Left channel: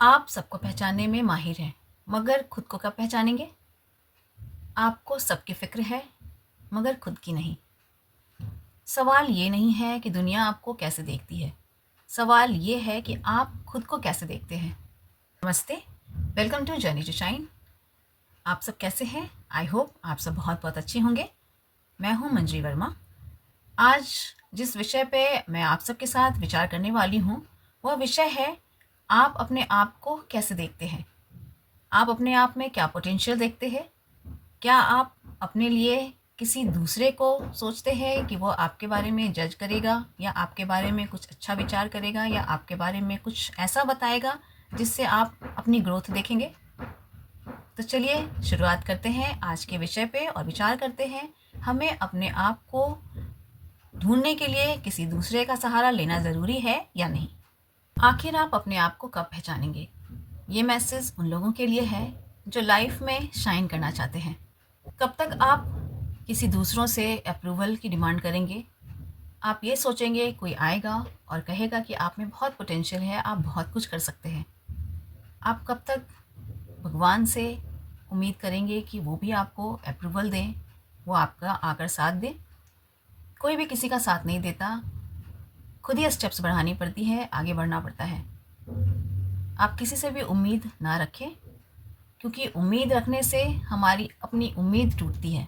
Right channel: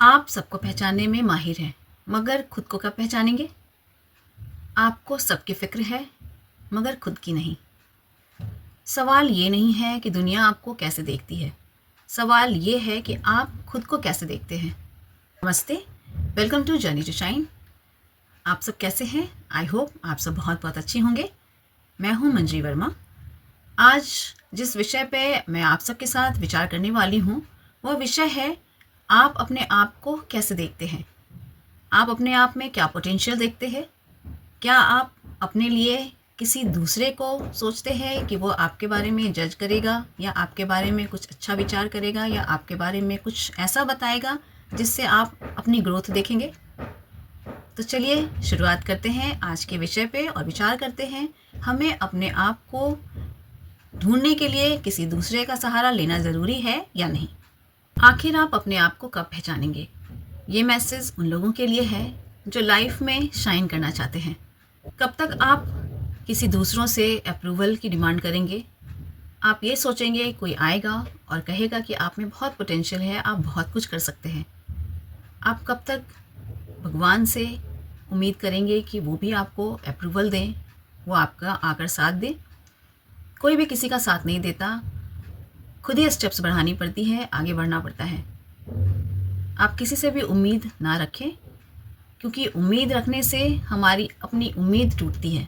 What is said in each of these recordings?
आप सबको पहचानने में माहिर हैं, मगर खुद को कब पहचानेंगे? आपको सबकी फ़िक्र है, मगर खुद की नहीं। सवाल ये नहीं है कि दुनिया आपको कैसे देखती है, सवाल ये है कि आप खुद को कैसे देखते हैं। नमस्ते, welcome to journey to shine. आप सब कैसे हैं? आई होप आप सब बहुत बहुत अच्छे होंगे। मैं हूँ मंजरी वर्मा। आज जिस विषय पे मैं आप सबके साथ विचार करने वाली हूँ, वह विषय है आप अपने आप को कैसे देखते हैं। आप अपने आप में क्या पोटेंशियल देखते हैं? क्या आप अपने लिए किसी दूसरे को सोचते हैं कि वो आपके बारे में जज करेगा या आपके बारे में कुछ अच्छा विचार करेगा या आपके बारे में कुछ ऐसा बताएगा जिससे आप अपनी ग्रोथ देखेंगे? तो चलिए शुरुआत करते हैं आज के विषय पे और विचार करते हैं हमें अपने आप को ढूंढने के लिए किसी दूसरे का सहारा लेना ज़रूरी है या नहीं। आखिर आप अपने आप को कब पहचानेंगे? ये मैसेज उन लोगों के लिए है जो लाइफ में शाइन करना चाहते हैं। कब तक आप किसी दूसरों से अप्रूवल की डिमांड करेंगे? आप ये सोचेंगे कोई आएगा और कहेगा कि आप में बहुत पोटेंशियल है, आप बहुत कुछ कर सकते हैं। आप कब तक भगवान से उम्मीद करेंगे कि वो भी आपको अप्रूवल दें, वो आपका आकर साथ दें? कोई भी किसी का साथ नहीं देता, खुद ही स्टेप्स बढ़ानी पड़ती है, आगे बढ़ना पड़ता है। आप किसी से भी उम्मीद ना रखें, क्योंकि उम्मीद रखने से हमारी अपनी उम्मीद टूटती है।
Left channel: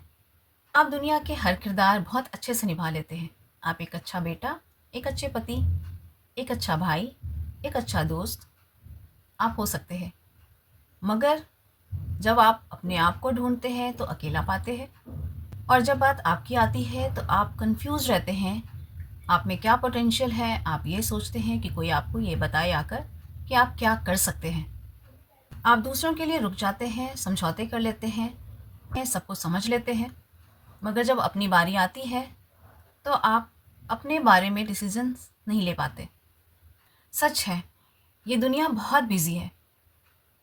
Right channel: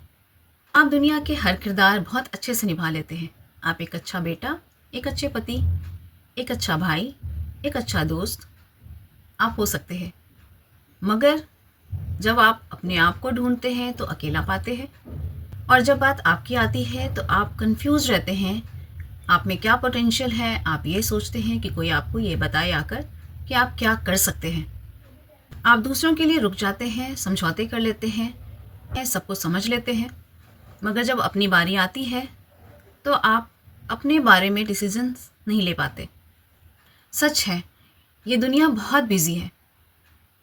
आप दुनिया के हर किरदार बहुत अच्छे से निभा लेते हैं। आप एक अच्छा बेटा, एक अच्छे पति, एक अच्छा भाई, एक अच्छा दोस्त आप हो सकते हैं। मगर जब आप अपने आप को ढूंढते हैं तो अकेला पाते हैं, और जब बात आपकी आती है तो आप कंफ्यूज रहते हैं। आप में क्या पोटेंशियल है, आप ये सोचते हैं कि कोई आपको ये बताए आकर कि आप क्या कर सकते हैं। आप दूसरों के लिए रुक जाते हैं, समझौते कर लेते हैं, सबको समझ लेते हैं। मगर जब अपनी बारी आती है तो आप अपने बारे में डिसीजंस नहीं ले पाते। सच है, ये दुनिया बहुत बिजी है।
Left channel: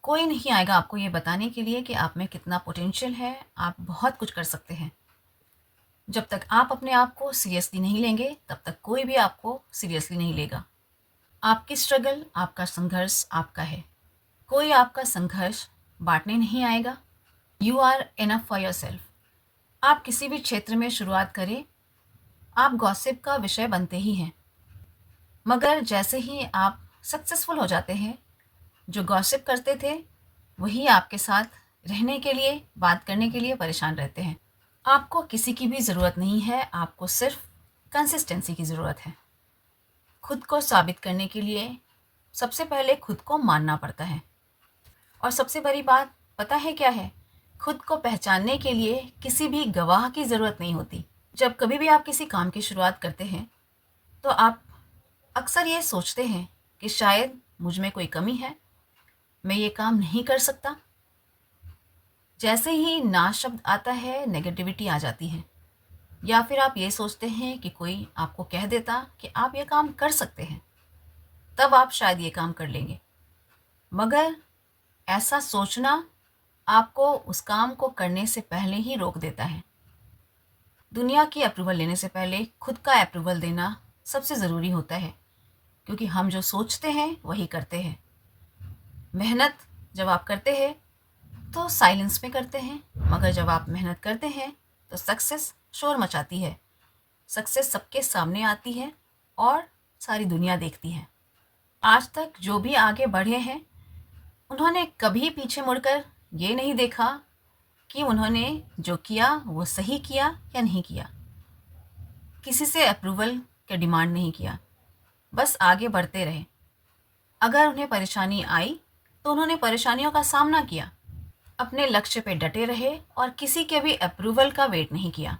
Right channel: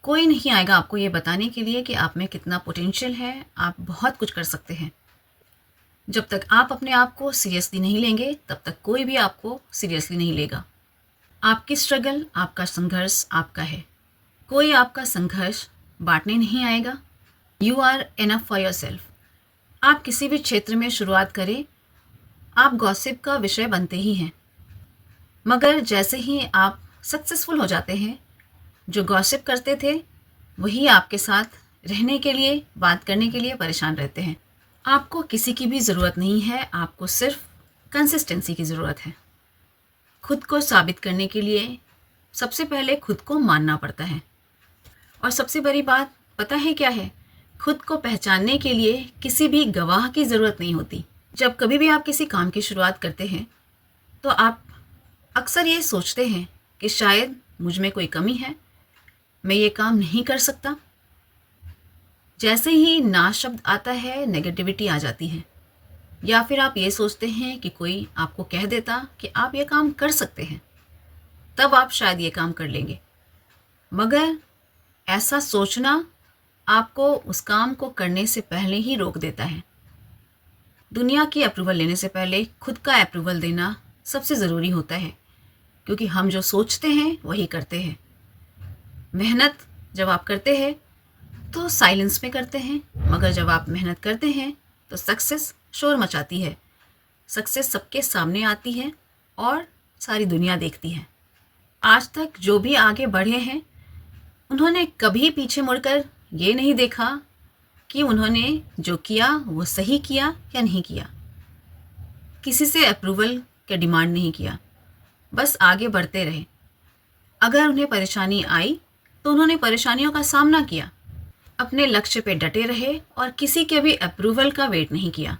कोई नहीं आएगा आपको ये बताने के लिए कि आप में कितना पोटेंशियल है, आप बहुत कुछ कर सकते हैं। जब तक आप अपने आप को सीरियसली नहीं लेंगे, तब तक कोई भी आपको सीरियसली नहीं लेगा। आपकी स्ट्रगल, आपका संघर्ष आपका है। कोई आपका संघर्ष बांटने नहीं आएगा। You are enough for yourself. आप किसी भी क्षेत्र में शुरुआत करें, आप गॉसिप का विषय बनते ही हैं। मगर जैसे ही आप सक्सेसफुल हो जाते हैं, जो गॉसिप करते थे वही आपके साथ रहने के लिए, बात करने के लिए परेशान रहते हैं। आपको किसी की भी ज़रूरत नहीं है, आपको सिर्फ कंसिस्टेंसी की ज़रूरत है। खुद को साबित करने के लिए सबसे पहले खुद को मानना पड़ता है। और सबसे बड़ी बात पता है क्या है? खुद को पहचानने के लिए किसी भी गवाह की ज़रूरत नहीं होती। जब कभी भी आप किसी काम की शुरुआत करते हैं तो आप अक्सर ये सोचते हैं कि शायद मुझ में कोई कमी है, मैं ये काम नहीं कर सकता। जैसे ही ना शब्द आता है, नेगेटिविटी आ जाती है। या फिर आप ये सोचते हैं कि कोई आपको कह देता कि आप ये काम कर सकते हैं, तब आप शायद ये काम कर लेंगे। मगर ऐसा सोचना आपको उस काम को करने से पहले ही रोक देता है। दुनिया की अप्रूवल लेने से पहले खुद का अप्रूवल देना सबसे ज़रूरी होता है, क्योंकि हम जो सोचते हैं वही करते हैं। मेहनत जब आप करते हैं तो साइलेंस में करते हैं, मगर जब आप मेहनत करते हैं तो सक्सेस शोर मचाती है। सक्सेस सबके सामने आती है और सारी दुनिया देखती है। आज तक जो भी आगे बढ़े हैं, उन्होंने कभी पीछे मुड़कर ये नहीं देखा कि उन्होंने जो किया वो सही किया या नहीं किया। किसी से अप्रूवल का डिमांड नहीं किया, बस आगे बढ़ते रहे। अगर उन्हें परेशानी आई तो उन्होंने परेशानियों का सामना किया, अपने लक्ष्य पे डटे रहे और किसी के भी अप्रूवल का वेट नहीं किया।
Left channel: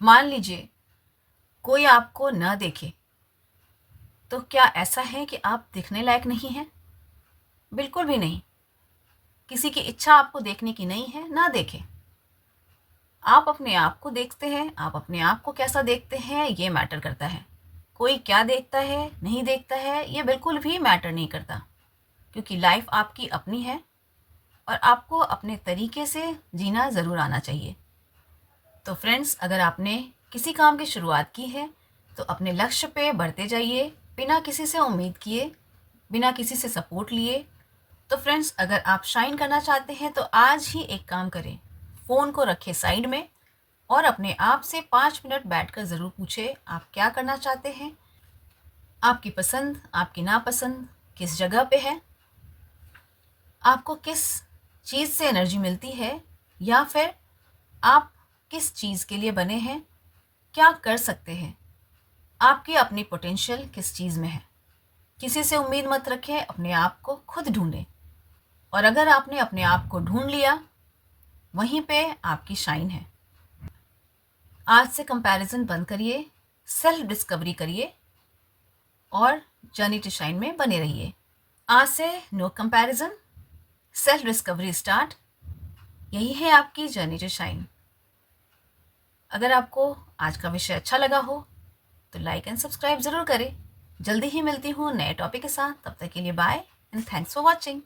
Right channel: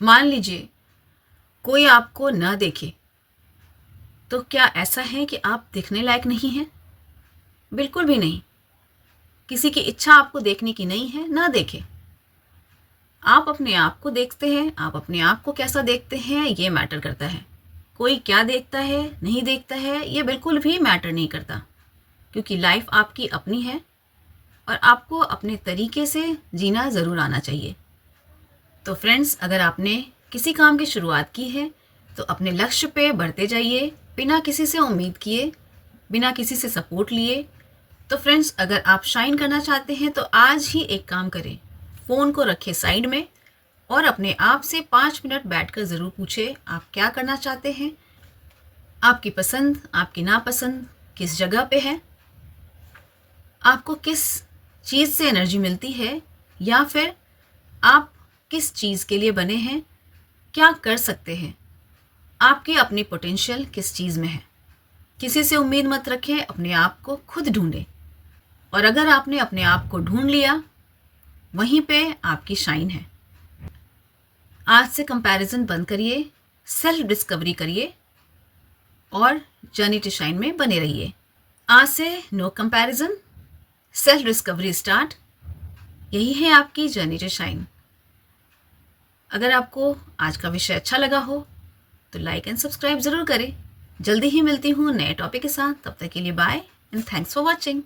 मान लीजिए कोई आपको न देखे, तो क्या ऐसा है कि आप दिखने लायक नहीं हैं? बिल्कुल भी नहीं। किसी की इच्छा आपको देखने की नहीं है, ना देखे। आप अपने आप को देखते हैं, आप अपने आप को कैसा देखते हैं ये मैटर करता है। कोई क्या देखता है, नहीं देखता है, ये बिल्कुल भी मैटर नहीं करता, क्योंकि लाइफ आपकी अपनी है और आपको अपने तरीके से जीना ज़रूर आना चाहिए। तो फ्रेंड्स, अगर आपने किसी काम की शुरुआत की है तो अपने लक्ष्य पे बढ़ते जाइए, बिना किसी से उम्मीद किए, बिना किसी से सपोर्ट लिए। तो फ्रेंड्स, अगर आप शाइन करना चाहते हैं तो आज ही एक काम करें, फ़ोन को रखें साइड में और अपने आप से 5 मिनट बैठकर ज़रूर पूछें आप क्या करना चाहते हैं, आपकी पसंद, आपकी नापसंद किस जगह पे है, आपको किस चीज़ से एनर्जी मिलती है, या फिर आप किस चीज़ के लिए बने हैं, क्या कर सकते हैं, आपकी अपनी पोटेंशियल किस चीज़ में है। किसी से उम्मीद मत रखें, अपने आप को खुद ढूंढें। और अगर आपने अपने आप को ढूंढ लिया, वहीं पे आपकी शाइन है। आज से कंपैरिजन बंद करिए, सेल्फ डिस्कवरी करिए और जर्नी टू शाइन में बने रहिए। आज से no comparison, self discovery start. यही है आपकी जर्नी टू शाइन। अगर आपको आज का विषय अच्छा लगा हो तो लाइक एंड सब्सक्राइब ज़रूर करें। जल्दी ही मिलती हूँ नए टॉपिक के साथ। तब तक के लिए bye and thanks for watching.